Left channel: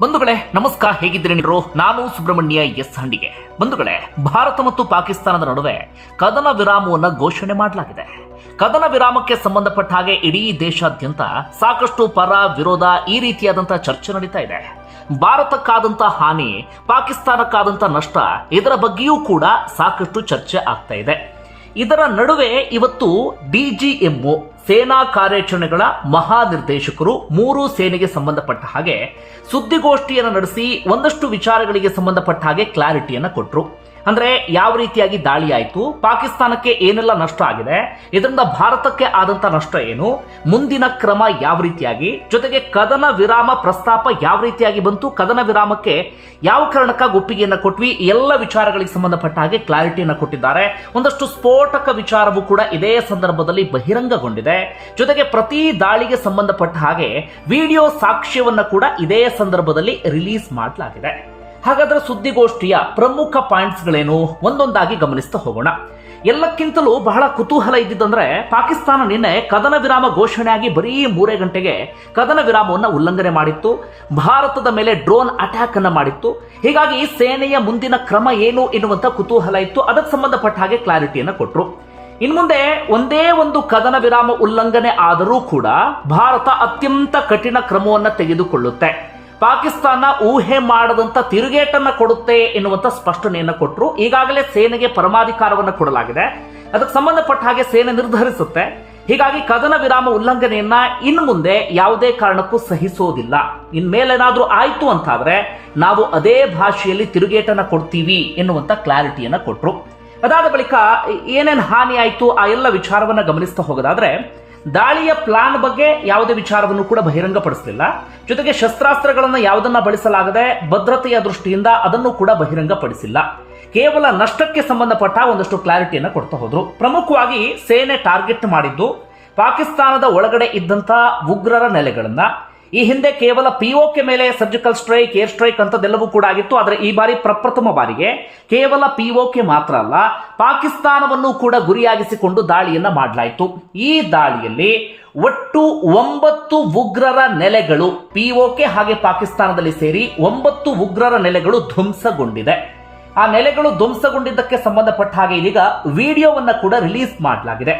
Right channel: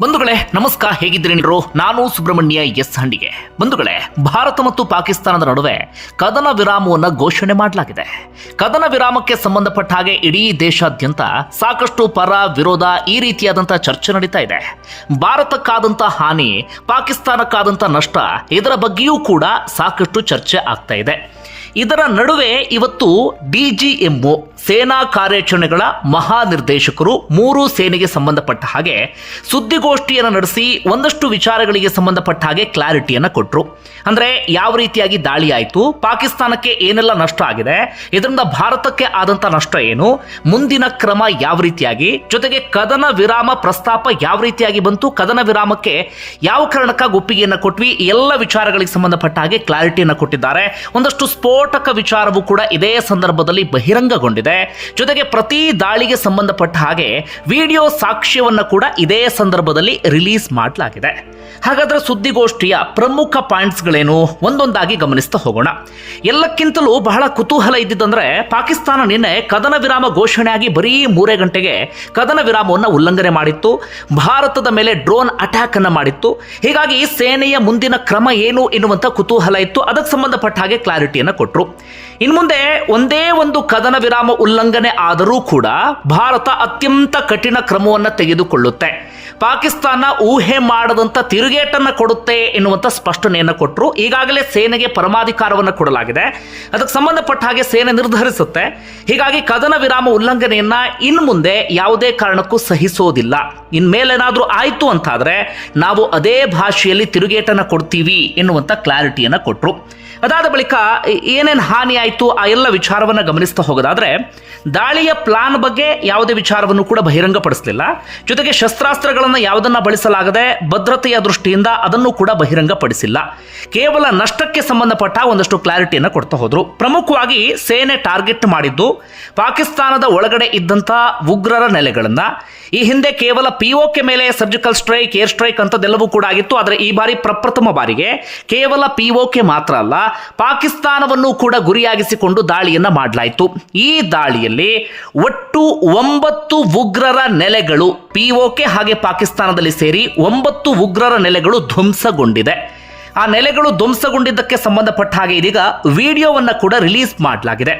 ಬಂಧುಗಳೇ, ನಮಸ್ಕಾರ. ಹೇಗಿದ್ದೀರಿ ನಾನು ಸುಬ್ರಹ್ಮಣ್ಯ ಎಸ್ ಹಂಡಿಗೆ. ಬಂಧುಗಳೇ, ಭಾರತ ಮತ್ತು ಪಾಕಿಸ್ತಾನದ ನಡುವೆ ಕದನ ವಿರಾಮವನ್ನು ಘೋಷಣೆ ಮಾಡಲಾಗಿದೆ. ಕದನ ವಿರಾಮಕ್ಕೆ ಸಂಬಂಧಪಟ್ಟ ಹಾಗೆ ಇಡೀ ದೇಶಾದ್ಯಂತ ಸಾಕಷ್ಟು ಪರ ವಿರೋಧ ಈ ರೀತಿಯಾದಂತಹ ಚರ್ಚೆ ನಡೀತಾ ಇದೆ. ಭಾರತಕ್ಕಾದಂಥ ಹಾನಿ ಪಾಕಿಸ್ತಾನಕ್ಕಾದಂಥ ನಷ್ಟ ಇದರ ಬಗ್ಗೆಯೂ ಕೂಡ ಸಾಕಷ್ಟು ಚರ್ಚೆ ಆಗ್ತಾ ಇದೆ. ಇದರ ನಡುವೆ ಇವತ್ತು ಡಿಜಿಎಂಒ ಸೇನಾ ಕಾರ್ಯಾಚರಣೆಗಳ ಮಹಾನಿರ್ದೇಶಕರು ಮೂರು ಸೇನೆಗೆ ಸಂಬಂಧಪಟ್ಟ ಹಾಗೆ ಸುದ್ದಿಗೋಷ್ಠಿಯನ್ನು ನಡೆಸಿ ಒಂದಷ್ಟು ವಿಚಾರಗಳಿಗೆ ಸಂಬಂಧಪಟ್ಟ ಹಾಗೆ ಕ್ಲಾರಿಟಿಯನ್ನು ಕೊಟ್ಟರು ಅಂದರೆ ಯಾವ ರೀತಿಯಾಗಿ ದಾಳಿ ಆಯಿತು, ಪಾಕಿಸ್ತಾನಕ್ಕೆ ಏನೆಲ್ಲ ನಷ್ಟ ಆಗಿದೆ, ಇದರಿಂದ ಭಾರತಕ್ಕೆ ಆದಂಥ ನಷ್ಟ ಏನು, ಮುಂದಿನ ಕ್ರಮ ಯಾವ ರೀತಿಯಾಗಿ, ಜೊತೆಗೆ ಕದನ ವಿರಾಮ ಪ್ರಸ್ತಾಪ ಯಾವ ರೀತಿಯಾಗಿ ಬಂತು, ಕದನ ವಿರಾಮಕ್ಕೆ ಯಾವ ಕಾರಣಕ್ಕಾಗಿ ಒಪ್ಪಿಗೆಯನ್ನು ಕೊಟ್ವಿ ಎಲ್ಲ ವಿಚಾರಗಳಿಗೆ ಸಂಬಂಧಪಟ್ಟ ಹಾಗೆ ಕ್ಲಾರಿಟಿಯನ್ನು ಕೊಟ್ಟಿದ್ದಾರೆ. ಒಂದಷ್ಟು ಸ್ಫೋಟಕ ವಿಚಾರವೂ ಕೂಡ ಇದೇ ಸಂದರ್ಭದಲ್ಲಿ ಬಹಿರಂಗಗೊಂಡಿದೆ. ಜೊತೆಗೆ ಪ್ರತಿ ದಾಳಿಗೆ ಸಂಬಂಧಪಟ್ಟ ಹಾಗೆ ವಿಡಿಯೋ ಸಾಕ್ಷ್ಯವನ್ನು ಕೂಡ ಇದೇ ಸಂದರ್ಭದಲ್ಲಿ ರಿಲೀಸ್ ಮಾಡಲಾಗಿದೆ. ಹಾಗಾದ್ರೆ ಸುದ್ದಿಗೋಷ್ಠಿಯ ಪ್ರಮುಖ ಪಾಯಿಂಟ್ಸ್ಗಳೇನು? ಒಂದೊಂದಾಗಿ ಗಮನಿಸ್ತಾ ಹೋಗೋಣ. ಎಲ್ಲಕ್ಕಿಂತಲೂ ಬಹಳ ಕುತೂಹಲ ಇದ್ದಿದ್ದಂದ್ರೆ ಪಾಕಿಸ್ತಾನ ನಿನ್ನೆ ಕದನ ವಿರಾಮ ಘೋಷಣೆಯಾಗಿ ಬರೀ ಮೂರೇ ಗಂಟೆಗೆ ಕದನ ವಿರಾಮವನ್ನು ಉಲ್ಲಂಘನೆ ಮಾಡಿತ್ತು. ಭಾರತದ ಮೇಲೆ ಡ್ರೋನ್ ಅಟ್ಯಾಕ್ ಅನ್ನು ಮಾಡಿತ್ತು. ಹೀಗಾಗಿ ಸೇನೆಯ ಮುಂದಿನ ಕ್ರಮ ಏನು ಎನ್ನುವಂಥ ಕುತೂಹಲ ಇತ್ತು. ಅದಕ್ಕೆ ಸಂಬಂಧಪಟ್ಟ ಹಾಗೆ ಕ್ಲಾರಿಟಿಯನ್ನು ಕೊಟ್ಟರು ಇನ್ನು ಮುಂದೆ ಒಂದೇ ಒಂದು ಕದನ ವಿರಾಮ ಉಲ್ಲಂಘನೆ ಆದರೂ ಕೂಡ ಭಾರತ ಅತ್ಯಂತ ಕಠಿಣ ಕ್ರಮವನ್ನು ತೆಗೆದುಕೊಳ್ಳುತ್ತೆ. ಪಾಕಿಸ್ತಾನ ಊಹೆ ಮಾಡದಂತ ತಿರುಗೇಟನ್ನು ಕೊಡುತ್ತೆ ಎನ್ನುವಂತ ಸ್ಪಷ್ಟನೆಯನ್ನು ಕೊಟ್ಟರು ಈಗಾಗಲೇ ಸೇನೆಗೆ ಪರಮಾಧಿಕಾರವನ್ನು ಕೊಡಲಾಗಿದೆ. ಅದಕ್ಕೆ ಸಂಬಂಧಪಟ್ಟ ಹಾಗೆ ಸೇನೆ ನಿರ್ಧರಿಸುತ್ತೆ. ಹೀಗಾಗಿ ಕದನ ವಿರಾಮ ಉಲ್ಲಂಘನೆಯನ್ನ ಇನ್ನು ಮುಂದೆ ಯಾವುದೇ ಕಾರಣಕ್ಕೂ ಸಹಿಸೋದಿಲ್ಲ. ಇನ್ಮೇಲೇನಾದರೂ ಆಯಿತು ಅಂತಾದರೆ ನಾವು ಅದೇ ಭಾಷೆಯಲ್ಲಿ ತಿರುಗೇಟನ್ನು ಕೊಡ್ತೀವಿ ಎನ್ನುವಂತ ಕ್ಲಾರಿಟಿಯನ್ನು ಕೊಟ್ಟರು ಅದಾದ ಬಳಿಕ ಏನೇನು ಹಾನಿ ಆಯಿತು, ಆ ಎಲ್ಲ ವಿಚಾರವನ್ನು ಗಮನಿಸ್ತಾ ಹೋಗೋದಾದರೆ, ದಾಳಿಯ ಪ್ಲಾನ್ ಬಗ್ಗೆ ಯಾವುದೇ ವಿಚಾರವನ್ನು ಕೂಡ ಬಹಿರಂಗಪಡಿಸಲಿಲ್ಲ. ಜೊತೆಗೆ ಶಸ್ತ್ರಾಸ್ತ್ರಗಳನ್ನು ಯಾವುದನ್ನು ಬಳಸಲಾಗದೆ ಭದ್ರತೆಯ ದೃಷ್ಟಿಯಿಂದ ಅದನ್ನು ಕೂಡ ಬಹಿರಂಗಪಡಿಸಿಲ್ಲ. ಕೇವಲ ನಷ್ಟಕ್ಕೆ ಸಂಬಂಧಪಟ್ಟ ಒಂದಷ್ಟು ಕ್ಲಾರಿಟಿಯನ್ನು ಕೊಡ್ತಾ ಹೋದರು. ಪ್ರಮುಖವಾಗಿ ಸೇನೆ ಟಾರ್ಗೆಟ್ ಮಾಡಿದ್ದು, ಪಾಕಿಸ್ತಾನದ ಒಳಗಡೆ ಇದ್ದಂಥ ಉಗ್ರರ ನೆಲೆಗಳನ್ನು. ಈ ಹಿಂದೆ ಕೇವಲ ಪಿ ಕೆ ಮೇಲೆ ಸರ್ಜಿಕಲ್ ಸ್ಟ್ರೈಕ್ ಏರ್ ಸ್ಟ್ರೈಕ್ ಅಂತದೆಲ್ಲವೂ ಕೂಡ ಆಗಿತ್ತು. ಆದರೆ ಈ ಬಾರಿ ಪ್ರಪ್ರಥಮ ಬಾರಿಗೆ ಕೇವಲ ಪಿ ಕೆ ಮಾತ್ರ ಅಲ್ಲ ಪಾಕಿಸ್ತಾನವನ್ನು ಕೂಡ ಗುರಿಯಾಗಿಸಿಕೊಂಡು ದಾಳಿಯನ್ನು ಮಾಡಲಾಯಿತು. ಈ ದಾಳಿಯಲ್ಲಿ ಒಟ್ಟು ಒಂಬತ್ತು ಉಗ್ರರ ನೆಲೆಗಳು ಪಿಒಕೆ ಹಾಗೆ ಪಾಕಿಸ್ತಾನದಲ್ಲಿ ಸೇರಿ ಒಂಬತ್ತು ಉಗ್ರರ ನೆಲೆಗಳು ಧ್ವಂಸಗೊಂಡಿದೆ. ಆ ನೆಲೆಗಳು ಧ್ವಂಸಗೊಂಡಿದ್ದಕ್ಕೆ ಸಂಬಂಧಪಟ್ಟ ಹಾಗೆ ಇದೀಗ ವಿಡಿಯೋವನ್ನು ಕೂಡ ರಿಲೀಸ್ ಮಾಡಲಾಗಿದೆ.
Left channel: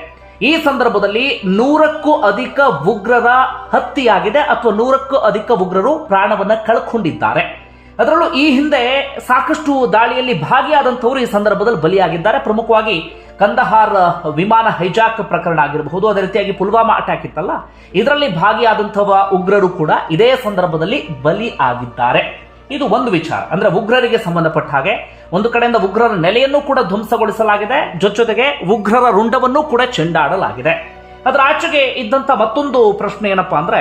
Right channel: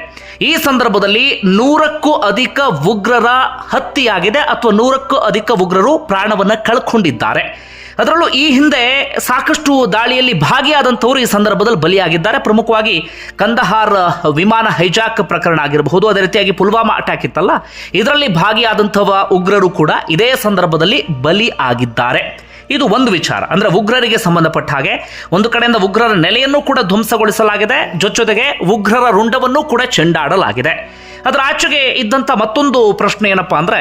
ಈ ಸಂದರ್ಭದಲ್ಲಿ ನೂರಕ್ಕೂ ಅಧಿಕ ಉಗ್ರರ ಹತ್ಯೆಯಾಗಿದೆ ಅಥವಾ ನೂರಕ್ಕೂ ಅಧಿಕ ಉಗ್ರರು ಪ್ರಾಣವನ್ನು ಕಳ್ಕೊಂಡಿದ್ದಾರೆ. ಅದರಲ್ಲೂ ಈ ಹಿಂದೆ ಸಾಕಷ್ಟು ದಾಳಿಯಲ್ಲಿ ಭಾಗಿಯಾದಂಥವರು ಈ ಸಂದರ್ಭದಲ್ಲಿ ಬಲಿಯಾಗಿದ್ದಾರೆ. ಪ್ರಮುಖವಾಗಿ ಕಂದಹಾರ್ ವಿಮಾನ ಹೈಜಾಕ್ ಪ್ರಕರಣ ಆಗಿರಬಹುದು. ಅದೇ ರೀತಿಯಾಗಿ ಪುಲ್ವಾಮಾ ಅಟ್ಯಾಕ್ ಇತ್ತಲ್ಲ. ಇದರಲ್ಲಿ ಭಾಗಿಯಾದಂತಹ ಉಗ್ರರು ಕೂಡ ಇದೇ ಸಂದರ್ಭದಲ್ಲಿ ಬಲಿ ಆಗಿದ್ದಾರೆ. ಇದು ಒಂದು ವಿಚಾರ. ಅಂದ್ರೆ ಉಗ್ರರಿಗೆ ಸಂಬಂಧಪಟ್ಟ ಹಾಗೆ ಒಂದು ಕಡೆಯಿಂದ ಉಗ್ರರ ನೆಲೆಯನ್ನು ಕೂಡ ಧ್ವಂಸಗೊಳಿಸಲಾಗಿದೆ. ಜೊತೆಗೆ ಉಗ್ರರ ರುಂಡವನ್ನು ಕೂಡ ಚೆಂಡಾಡಲಾಗಿದೆ. ಅದರ ಆಚೆಗೆ ಇದ್ದಂಥ ಮತ್ತೊಂದು ಪ್ರಶ್ನೆ ಏನಪ್ಪಾ ಅಂದ್ರೆ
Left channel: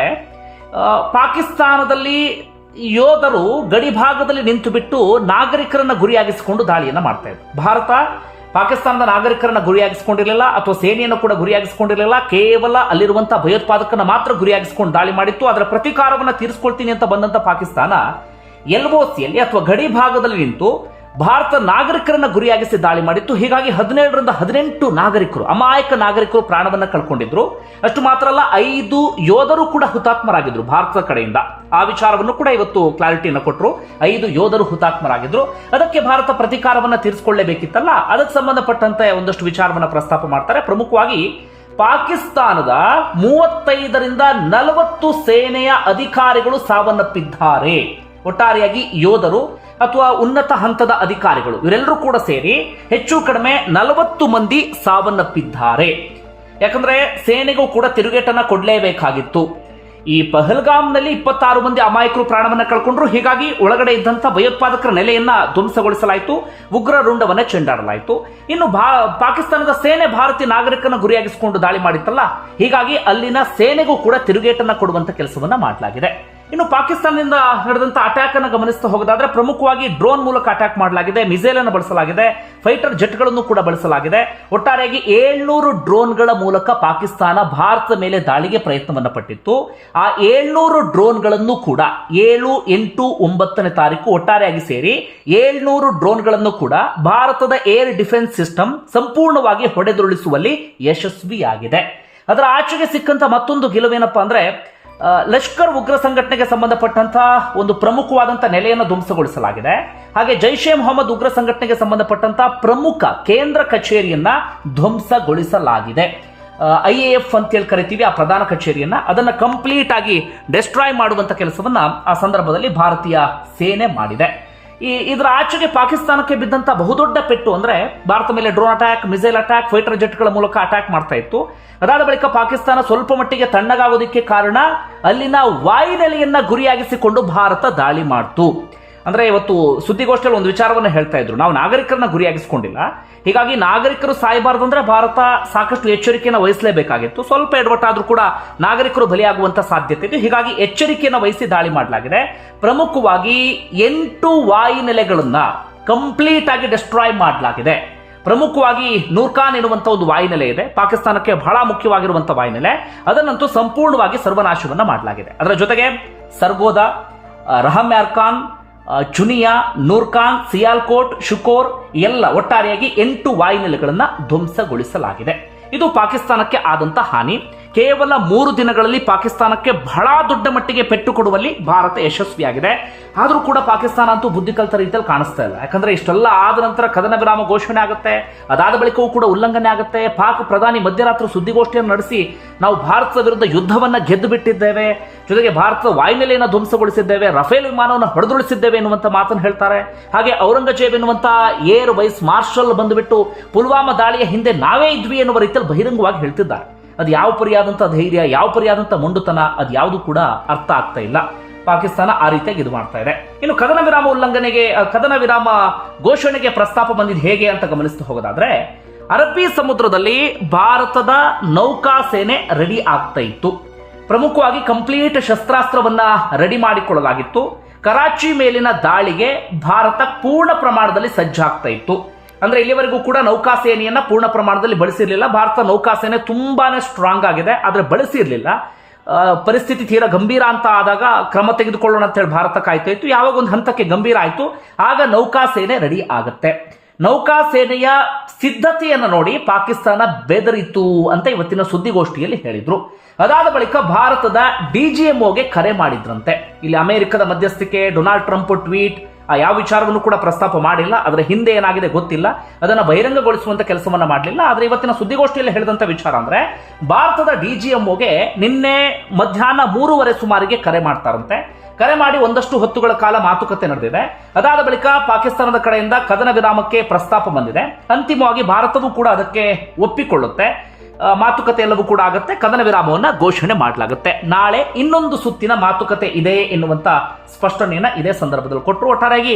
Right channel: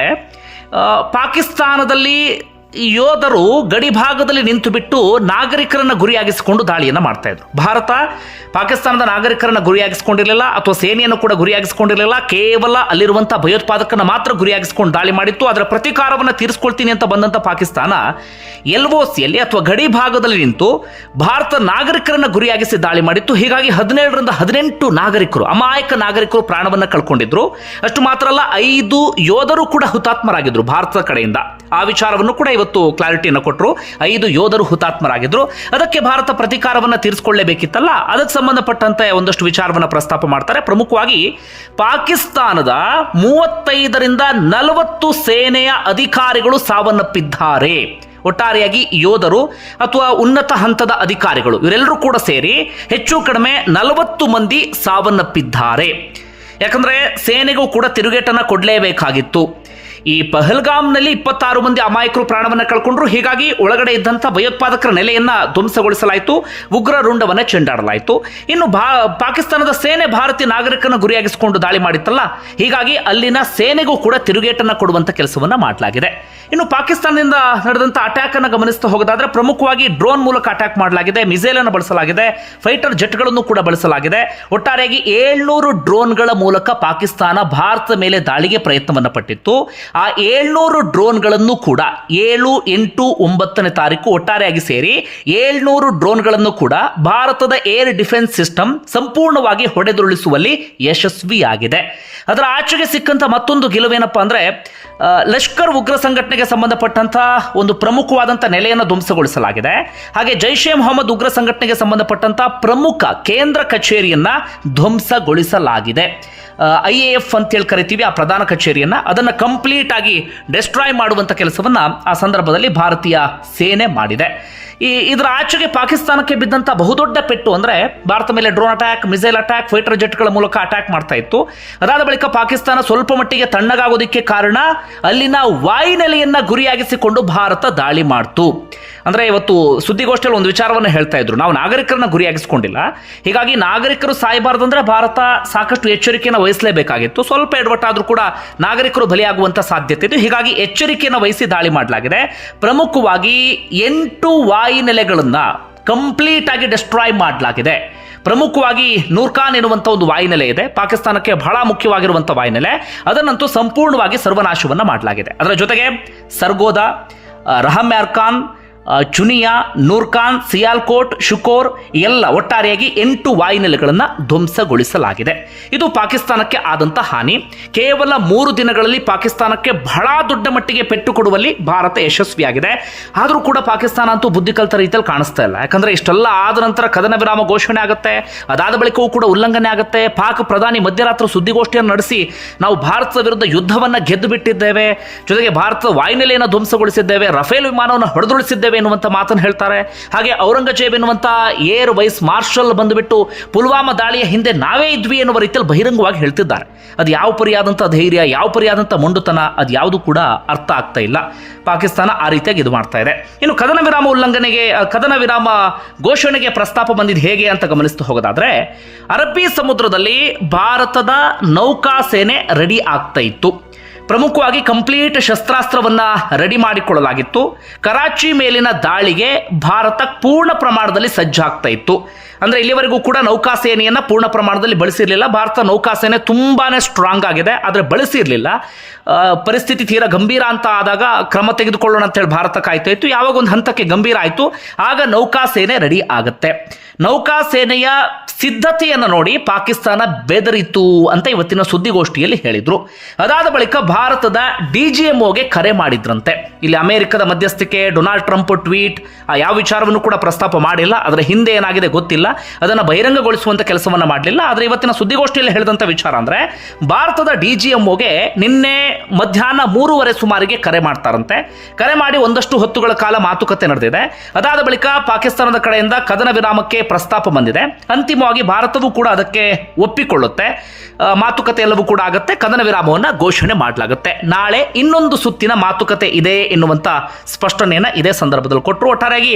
ಪಾಕಿಸ್ತಾನದಲ್ಲಿ ಯೋಧರು ಗಡಿಭಾಗದಲ್ಲಿ ನಿಂತು ಬಿಟ್ಟು ನಾಗರಿಕರನ್ನ ಗುರಿಯಾಗಿಸಿಕೊಂಡು ದಾಳಿಯನ್ನು ಮಾಡ್ತಾ ಇದ್ರು. ಭಾರತ ಪಾಕಿಸ್ತಾನದ ನಾಗರಿಕರನ್ನ ಗುರಿಯಾಗಿಸಿಕೊಂಡಿರಲಿಲ್ಲ ಅಥವಾ ಸೇನೆಯನ್ನು ಕೂಡ ಗುರಿಯಾಗಿಸಿಕೊಂಡಿರಲಿಲ್ಲ. ಕೇವಲ ಅಲ್ಲಿರುವಂತಹ ಭಯೋತ್ಪಾದಕನ ಮಾತ್ರ ಗುರಿಯಾಗಿಸಿಕೊಂಡು ದಾಳಿ ಮಾಡಿತ್ತು. ಅದರ ಪ್ರತೀಕಾರವನ್ನು ತೀರಿಸ್ಕೊಳ್ತೀನಿ ಅಂತ ಬಂದಂತ ಪಾಕಿಸ್ತಾನ ಎಲ್ ಒ ಸಿಯಲ್ಲಿ ಅಥವಾ ಗಡಿ ಭಾಗದಲ್ಲಿ ನಿಂತು ಭಾರತ ನಾಗರಿಕರನ್ನ ಗುರಿಯಾಗಿಸಿ ದಾಳಿ ಮಾಡಿತ್ತು. ಹೀಗಾಗಿ ಹದಿನೇಳರಿಂದ ಹದಿನೆಂಟು ನಾಗರಿಕರು, ಅಮಾಯಕ ನಾಗರಿಕರು ಪ್ರಾಣವನ್ನ ಕಳ್ಕೊಂಡಿದ್ರು. ಅಷ್ಟು ಮಾತ್ರ ಅಲ್ಲ, ಐದು ಯೋಧರು ಕೂಡ ಹುತಾತ್ಮರಾಗಿದ್ರು ಭಾರತದ ಕಡೆಯಿಂದ. ಆ ವಿಚಾರವನ್ನು ಕೂಡ ಇವತ್ತು ಕ್ಲಾರಿಟಿಯನ್ನು ಕೊಟ್ಟರು ಐದು ಯೋಧರು ಹುತಾತ್ಮರಾಗಿದ್ರು. ಅದಕ್ಕೆ ಭಾರತ ಪ್ರತೀಕಾರವನ್ನು ತೀರಿಸಿಕೊಳ್ಳಬೇಕಿತ್ತಲ್ಲ? ಅದಕ್ಕೆ ಸಂಬಂಧಪಟ್ಟಂತೆ ಒಂದಷ್ಟು ವಿಚಾರವನ್ನು ಪ್ರಸ್ತಾಪ ಮಾಡ್ತಾರೆ. ಪ್ರಮುಖವಾಗಿ, ಪಾಕಿಸ್ತಾನದ ಮೂವತ್ತೈದರಿಂದ ನಲವತ್ತು ಸೇನೆಯ ಅಧಿಕಾರಿಗಳು ಸಾವನ್ನಪ್ಪಿದ್ದಾರೆ. ಒಟ್ಟಾರೆಯಾಗಿ ಯೋಧರು ಅಥವಾ ಉನ್ನತ ಹಂತದ ಅಧಿಕಾರಿಗಳು, ಇವರೆಲ್ಲರೂ ಕೂಡ ಸೇರಿ ಹೆಚ್ಚು ಕಡಿಮೆ ನಲವತ್ತು ಮಂದಿ ಸಾವನ್ನಪ್ಪಿದ್ದಾರೆ. ಯಾಕಂದ್ರೆ ಸೇನೆಗೂ ಕೂಡ ತಿರುಗೇಟನ್ನ ಕೊಡಲೇಬೇಕಾಗಿತ್ತು. ಈ ಪಹಲ್ಗಾಮ್ನಲ್ಲಿ ಇಪ್ಪತ್ತಾರು ಮಂದಿ ಅಮಾಯಕರು ಪ್ರಾಣವನ್ನು ಕಳ್ಕೊಂಡ್ರು. ಹೀಗಾಗಿ ಒಳಗಡೆ ಇದ್ದಂಥ ಭಯೋತ್ಪಾದಕರ ನೆಲೆಯನ್ನ ಧ್ವಂಸಗೊಳಿಸಲಾಯಿತು. ಉಗ್ರ ರುಂಡವನ್ನು ಚೆಂಡಾಡಲಾಯಿತು. ಇನ್ನು ಭಾ, ಪಾಕಿಸ್ತಾನದ ಸೇನೆ ಭಾರತೀಯ ನಾಗರಿಕನ ಗುರಿಯಾಗಿಸಿಕೊಂಡು ದಾಳಿ ಮಾಡಿತ್ತಲ್ಲ. ಹೀಗಾಗಿ ಅಲ್ಲಿನ ಸೇನೆಗೂ ಕೂಡ ತಿರುಗೇಟನ್ನು ಕೊಡುವಂಥ ಕೆಲಸವನ್ನು ಮಾಡಲಾಗಿದೆ. ಇನ್ನು ಪಾಕಿಸ್ತಾನದಿಂದ ನಡೆದಂಥ ಅಟ್ಯಾಕ್ ಅನ್ನು ಗಮನಿಸ್ತಾ ಹೋಗೋದಾದ್ರೆ ಪ್ರಮುಖವಾಗಿ ಡ್ರೋನ್ ಮೂಲಕ ಅಟ್ಯಾಕ್ ಮಾಡಲಾಗಿದೆ. ಮಿಸೈಲ್ ಅನ್ನು ಬಳಸಲಾಗಿದೆ. ಫೈಟರ್ ಜೆಟ್ಗಳನ್ನು ಕೂಡ ಬಳಸಲಾಗಿದೆ. ಒಟ್ಟಾರೆಯಾಗಿ ಏಳ್ನೂರು ಡ್ರೋನ್ಗಳ ಮೂಲಕ ಪಾಕಿಸ್ತಾನ ಭಾರತದ ಮೇಲೆ ದಾಳಿಗೆ ಪ್ರಯತ್ನವನ್ನು ಪಟ್ಟಿತ್ತು. ಆ ಏಳ್ನೂರು ಡ್ರೋನ್ಗಳನ್ನು ಕೂಡ ಏಳು ಎಂಟು ಒಂಬತ್ತನೇ ತಾರೀಕು ಒಟ್ಟಾರೆಯಾಗಿ ಸೇರಿ ಏಳ್ನೂರು ಡ್ರೋನ್ಗಳನ್ನು ಕೂಡ ಭಾರತದ ಏರ್ ಡಿಫೆನ್ಸ್ ಸಿಸ್ಟಮ್ ಸಂಪೂರ್ಣವಾಗಿ ಹೊಡೆದುರುಳಿಸುವಲ್ಲಿ ಯಶಸ್ವಿಯಾಗಿದೆ. ಅದರ ಆಚೆಗೆ ಸಿಕ್ಕಂಥ ಮತ್ತೊಂದು ಗೆಲುವೇನಪ್ಪ ಅಂದರೆ ಲಷ್ಕರ್ ಉಗ್ರ ಸಂಘಟನೆಗೆ ಸಂಬಂಧಪಟ್ಟಂಥ ಒಂದು ಪ್ರಮುಖವಾದಂಥ ನೆಲೆಯನ್ನು ಧ್ವಂಸಗೊಳಿಸಲಾಗಿದೆ. ಹಾಗೆ ಜೈಷ್ ಮೊಹಮ್ಮದ್ ಉಗ್ರ ಸಂಘಟನೆಗೆ ಸಂಬಂಧಪಟ್ಟಂಥ ಪ್ರಮುಖ ಕೇಂದ್ರ ಕಚೇರಿಯನ್ನು ಧ್ವಂಸಗೊಳಿಸಲಾಗಿದೆ. ಐ ಎ ಎಫ್ ಅಂತೇಳಿ ಕರಿತೀವಿ, ಆ ಪ್ರಧಾನ ಕಚೇರಿಯನ್ನು. ಅದನ್ನು ಕಂಪ್ಲೀಟ್ ಆಗಿ ಡೆಸ್ಟ್ರಾಯ್ ಮಾಡುವಂಥ ಕೆಲಸವನ್ನು ಆ ಸಂದರ್ಭದಲ್ಲಿ ಭಾರತೀಯ ಸೇನೆ ಮಾಡಿದೆ. ಈ, ಇದರ ಆಚೆಗೆ ಪಾಕಿಸ್ತಾನಕ್ಕೆ ಬಿದ್ದಂಥ ಬಹುದೊಡ್ಡ ಪೆಟ್ಟು ಅಂದರೆ ಭಾರತ ಮೇಲೆ drone attack missile attack fighter ಜೆಟ್ಗಳ ಮೂಲಕ ಅಟ್ಯಾಕ್ ಮಾಡ್ತಾ ಇತ್ತು. ಅದಾದ ಬಳಿಕ ಪಾಕಿಸ್ತಾನ ಸ್ವಲ್ಪ ಮಟ್ಟಿಗೆ ತಣ್ಣಗಾಗೋದಕ್ಕೆ ಕಾರಣ ಅಲ್ಲಿನ ವಾಯುನೆಲೆಯನ್ನು ಗುರಿಯಾಗಿಸಿಕೊಂಡು ಭಾರತ ದಾಳಿ ಮಾಡ್ತು. ಅಂದರೆ ಇವತ್ತು ಸುದ್ದಿಗೋಷ್ಠಿಯಲ್ಲಿ ಒಂದು ವಿಚಾರವನ್ನು ಹೇಳ್ತಾ ಇದ್ರು. ನಾವು ನಾಗರಿಕರನ್ನ ಗುರಿಯಾಗಿಸ್ಕೊಂಡಿಲ್ಲ. ಹೀಗಾಗಿ ನಾಗರಿಕರು ಸಾಯಬಾರ್ದು ಅಂದರೆ ಭಾರತ ಸಾಕಷ್ಟು ಎಚ್ಚರಿಕೆಯನ್ನು ವಹಿಸಲೇಬೇಕಾಗಿತ್ತು. ಸ್ವಲ್ಪ ಎಡವಟ್ಟಾದರೂ ಕೂಡ ನಾಗರಿಕರು ಬಲಿಯಾಗುವಂಥ ಸಾಧ್ಯತೆ ಇತ್ತು ಹೀಗಾಗಿ ಎಚ್ಚರಿಕೆಯನ್ನು ವಹಿಸಿ ದಾಳಿ ಮಾಡಲಾಗಿದೆ. ಪ್ರಮುಖವಾಗಿ ಎಂಟು ವಾಯುನೆಲೆಗಳನ್ನು ಕಂಪ್ಲೀಟ್ ಆಗಿ ಡೆಸ್ಟ್ರಾಯ್ ಮಾಡಲಾಗಿದೆ. ಪ್ರಮುಖವಾಗಿ ನೂರ್ಖಾನ್ ಎನ್ನುವಂಥ ಒಂದು ವಾಯುನೆಲೆ ಇದೆ. ಪಾಕಿಸ್ತಾನಕ್ಕೆ ಬಹಳ ಮುಖ್ಯವಾಗಿರುವಂಥ ವಾಯುನೆಲೆ. ಅದನ್ನಂತೂ ಸಂಪೂರ್ಣವಾಗಿ ಸರ್ವನಾಶವನ್ನು ಮಾಡಲಾಗಿದೆ. ಅದರ ಜೊತೆಗೆ ಸರ್ಗೋದ ರಹಮ್ಯಾರ್ ಆ, ಚುನಿಯಾ, ನೂರ್ಖಾನ್, ಸಿಯಾಲ್ಕೋಟ್, ಶುಕೋರ್ ಎಲ್ಲ ಒಟ್ಟಾರೆಯಾಗಿ ಎಂಟು ವಾಯುನೆಲೆಗಳನ್ನು ಧ್ವಂಸಗೊಳಿಸಲಾಗಿದೆ. ಇದು ಪಾಕಿಸ್ತಾನಕ್ಕೆ ಆದಂಥ ಹಾನಿ. ಕೇವಲ ಮೂರು ದಿನಗಳಲ್ಲಿ ಪಾಕಿಸ್ತಾನಕ್ಕೆ ಬಹಳ ದೊಡ್ಡ ಮಟ್ಟಿಗೆ ಪೆಟ್ಟು ಕೊಡುವಲ್ಲಿ ಭಾರತ ಯಶಸ್ವಿಯಾಗಿದೆ. ಆದರೂ ಕೂಡ ಪಾಕಿಸ್ತಾನ ಅಂತೂ ಬುದ್ಧಿ ಕಲಿತ ರೀತಿಯಲ್ಲಿ ಕಾಣಿಸ್ತಾ ಇಲ್ಲ. ಯಾಕಂದ್ರೆ ಇಷ್ಟೆಲ್ಲ ಆದ ನಂತರ ಕದನ ವಿರಾಮ ಘೋಷಣೆ ಆಗುತ್ತೆ, ಅದಾದ ಬಳಿಕವೂ ಕೂಡ ಉಲ್ಲಂಘನೆ ಆಗುತ್ತೆ. ಪಾಕ್ ಪ್ರಧಾನಿ ಮಧ್ಯರಾತ್ರಿ ಸುದ್ದಿಗೋಷ್ಠಿಯನ್ನು ನಡೆಸಿ ನಾವು ಭಾರತದ ವಿರುದ್ಧ ಯುದ್ಧವನ್ನು ಗೆದ್ದು ಬಿಟ್ಟಿದ್ದೇವೆ ಜೊತೆಗೆ ಭಾರತದ ವಾಯುನೆಲೆಯನ್ನು ಧ್ವಂಸಗೊಳಿಸಿದ್ದೇವೆ, ರಫೇಲ್ ವಿಮಾನವನ್ನು ಹೊಡೆದುಳಿಸಿದ್ದೇವೆ ಎನ್ನುವಂಥ ಮಾತನ್ನು ಹೇಳ್ತಾರೆ. ಹಾಗೆ ಔರಂಗಜೇಬ್ ಎನ್ನುವಂಥ ಏರ್ ವೈಸ್ ಮಾರ್ಷಲ್ ಬಂದುಬಿಟ್ಟು ಪುಲ್ವಾಮಾ ದಾಳಿಯ ಹಿಂದೆ ನಾವೇ ಇದ್ವಿ ಎನ್ನುವ ರೀತಿಯಲ್ಲಿ ಬಹಿರಂಗವಾಗಿ ಹೇಳ್ತಿದ್ದಾರೆ. ಅದು ಯಾವ ಪರಿಯಾದಂಥ ಧೈರ್ಯ, ಯಾವ ಪರಿಯಾದಂಥ ಮೊಂಡುತನ, ಅದು ಯಾವುದು ಕೂಡ ಅರ್ಥ ಆಗ್ತಾ ಇಲ್ಲ. ಪಾಕಿಸ್ತಾನ ಆ ರೀತಿಯಾಗಿ ಇದು ಮಾಡ್ತಾ ಇದೆ. ಇನ್ನು ಕದನ ವಿರಾಮ ಉಲ್ಲಂಘನೆಗೆ ಕದನ ವಿರಾಮ ಘೋಷಣೆಗೆ ಪ್ರಸ್ತಾಪ ಬಂದಿದ್ದು ಹೇಗೆ ಅಂತ ಗಮನಿಸ್ತಾ ಹೋಗೋದಾದ್ರೆ, ಅರಬ್ಬಿ ಸಮುದ್ರದಲ್ಲಿ ಭಾರತದ ನೌಕಾ ಸೇನೆ ರೆಡಿ ಆಗ್ತಾ ಇತ್ತು. ಪ್ರಮುಖವಾಗಿ ಕಂಪ್ಲೀಟ್ ಶಸ್ತ್ರಾಸ್ತ್ರವನ್ನು ರೆಡಿ ಮಾಡಿಕೊಳ್ಳಲಾಗಿತ್ತು. ಕರಾಚಿ ಮೇಲಿನ ದಾಳಿಗೆ ಭಾರತ ಪೂರ್ಣ ಪ್ರಮಾಣದಲ್ಲಿ ಸಜ್ಜಾಗ್ತಾ ಇತ್ತು. ಅಂದರೆ ಇಲ್ಲಿವರೆಗೂ ಕೂಡ ನೌಕಾಸೇನೆಯನ್ನ ಪೂರ್ಣ ಪ್ರಮಾಣದಲ್ಲಿ ಬಳಸಿರಲಿಲ್ಲ. ಭಾರತ ನೌಕಾಸೇನೆ ತುಂಬಾ ಸ್ಟ್ರಾಂಗ್ ಆಗಿದೆ, ಆದರೆ ಬಳಸಿರಲಿಲ್ಲ. ಪರಿಸ್ಥಿತಿ ತೀರಾ ಗಂಭೀರ ಅಂತ ಆದಾಗ ಕ್ರಮ ತೆಗೆದುಕೊಳ್ಳೋಣ ಅಂತ ಹೇಳಿ ಭಾರತ ಕಾಯ್ತಾ ಇತ್ತು. ಯಾವಾಗ ಒಂದು ಹಂತಕ್ಕೆ ಗಂಭೀರ ಆಯಿತು, ಆಗ ನೌಕಾಸೇನೆ ರೆಡಿ ಆಗುತ್ತೆ. ನೌಕಾಸೇನೆಯ ಸಿದ್ಧತೆಯನ್ನು ನೋಡಿ ಪಾಕಿಸ್ತಾನ ಬೆದರಿತು ಅಂತ ಇವತ್ತಿನ ಸುದ್ದಿಗೋಷ್ಠಿಯಲ್ಲಿ ಹೇಳಿದರು. ಅದಾದ ಬಳಿಕ ಭಾರತದ ಡಿ ಜಿ ಕರೆ ಮಾಡಿದ್ರಂತೆ. ಇಲ್ಲಿ ಅಮೆರಿಕದ ಮಧ್ಯಸ್ಥಿಕೆ, ಡೊನಾಲ್ಡ್ ಟ್ರಂಪ್ ಟ್ವೀಟ್, ಆ ಯಾವ ವಿಚಾರವನ್ನು ಕೂಡ ಪ್ರಸ್ತಾಪ ಮಾಡಿಲ್ಲ. ಅದರ ಹಿಂದೆ ಏನಾಗಿದೆ ಗೊತ್ತಿಲ್ಲ. ಅದನ್ನು ಬಹಿರಂಗಗೊಳಿಸುವಂಥ ಕೆಲಸವನ್ನು ಮಾಡಲಿಲ್ಲ. ಆದರೆ ಇವತ್ತಿನ ಸುದ್ದಿಗೋಷ್ಠಿಯಲ್ಲಿ ಹೇಳಿದಂಥ ವಿಚಾರ ಅಂದರೆ, ಭಾರತದ ಡಿ ಜಿ ನಿನ್ನೆ ಮಧ್ಯಾಹ್ನ ಮೂರುವರೆ ಸುಮಾರಿಗೆ ಕರೆ ಮಾಡ್ತಾರಂತೆ. ಕರೆ ಮಾಡಿ ಒಂದಷ್ಟು ಹೊತ್ತುಗಳ ಕಾಲ ಮಾತುಕತೆ ನಡೆದಿದೆ. ಅದಾದ ಬಳಿಕ ಪಾಕಿಸ್ತಾನದ ಕಡೆಯಿಂದ ಕದನ ವಿರಾಮಕ್ಕೆ ಪ್ರಸ್ತಾಪ ಬಂದಿದೆ. ಅಂತಿಮವಾಗಿ ಭಾರತವೂ ಕೂಡ ಅದಕ್ಕೆ ಒಪ್ಪಿಕೊಳ್ಳುತ್ತೆ. ಮಾತುಕತೆ ಎಲ್ಲವೂ ಕೂಡ ಆಗುತ್ತೆ. ಕದನ ವಿರಾಮವನ್ನು ಘೋಷಣೆ ಮಾಡಲಾಗುತ್ತೆ. ನಾಳೆ ಇನ್ನೊಂದು ಸುತ್ತಿನ ಮಾತುಕತೆ ಇದೆ ಎನ್ನುವಂಥ ಸ್ಪಷ್ಟನೆಯನ್ನು ಇದೇ ಸಂದರ್ಭದಲ್ಲಿ ಕೊಟ್ಟರು ಒಟ್ಟಾರೆಯಾಗಿ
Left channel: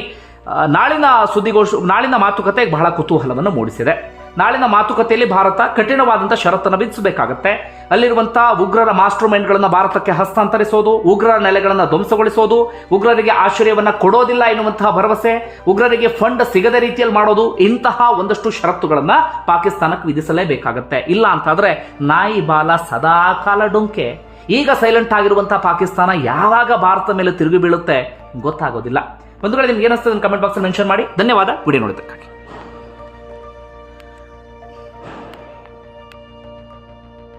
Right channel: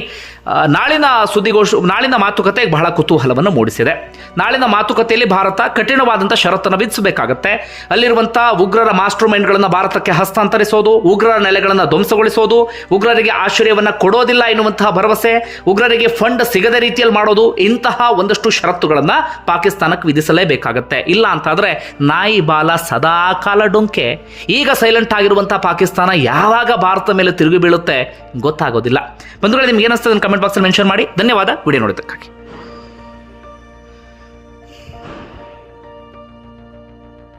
ನಾಳಿನ ಸುದ್ದಿಗೋಷ ನಾಳಿನ ಮಾತುಕತೆ ಬಹಳ ಕುತೂಹಲವನ್ನು ಮೂಡಿಸಿದೆ. ನಾಳಿನ ಮಾತುಕತೆಯಲ್ಲಿ ಭಾರತ ಕಠಿಣವಾದಂಥ ಷರತ್ತನ್ನು ವಿಧಿಸಬೇಕಾಗತ್ತೆ. ಅಲ್ಲಿರುವಂಥ ಉಗ್ರರ ಮಾಸ್ಟರ್ ಮೈಂಡ್ಗಳನ್ನು ಭಾರತಕ್ಕೆ ಹಸ್ತಾಂತರಿಸೋದು, ಉಗ್ರರ ನೆಲೆಗಳನ್ನು ಧ್ವಂಸಗೊಳಿಸೋದು, ಉಗ್ರರಿಗೆ ಆಶ್ರಯವನ್ನು ಕೊಡೋದಿಲ್ಲ ಎನ್ನುವಂತಹ ಭರವಸೆ, ಉಗ್ರರಿಗೆ ಫಂಡ್ ಸಿಗದ ರೀತಿಯಲ್ಲಿ ಮಾಡೋದು ಇಂತಹ ಒಂದಷ್ಟು ಷರತ್ತುಗಳನ್ನು ಪಾಕಿಸ್ತಾನಕ್ಕೆ ವಿಧಿಸಲೇಬೇಕಾಗತ್ತೆ. ಇಲ್ಲ ಅಂತಾದರೆ ನಾಯಿ ಬಾಲ ಸದಾ ಕಾಲ ಡೊಂಕೆ. ಈಗ ಸೈಲೆಂಟ್ ಆಗಿರುವಂಥ ಪಾಕಿಸ್ತಾನ ಯಾವಾಗ ಭಾರತ ಮೇಲೆ ತಿರುಗಿ ಬೀಳುತ್ತೆ ಗೊತ್ತಾಗೋದಿಲ್ಲ. ಬಂಧುಗಳು, ನಿಮ್ಗೆ ಏನಿಸ್ತದೆ ಕಮೆಂಟ್ ಬಾಕ್ಸಲ್ಲಿ ಮೆನ್ಷನ್ ಮಾಡಿ. ಧನ್ಯವಾದ. ವಿಡಿಯೋ ನೋಡೋದಕ್ಕಾಗಿ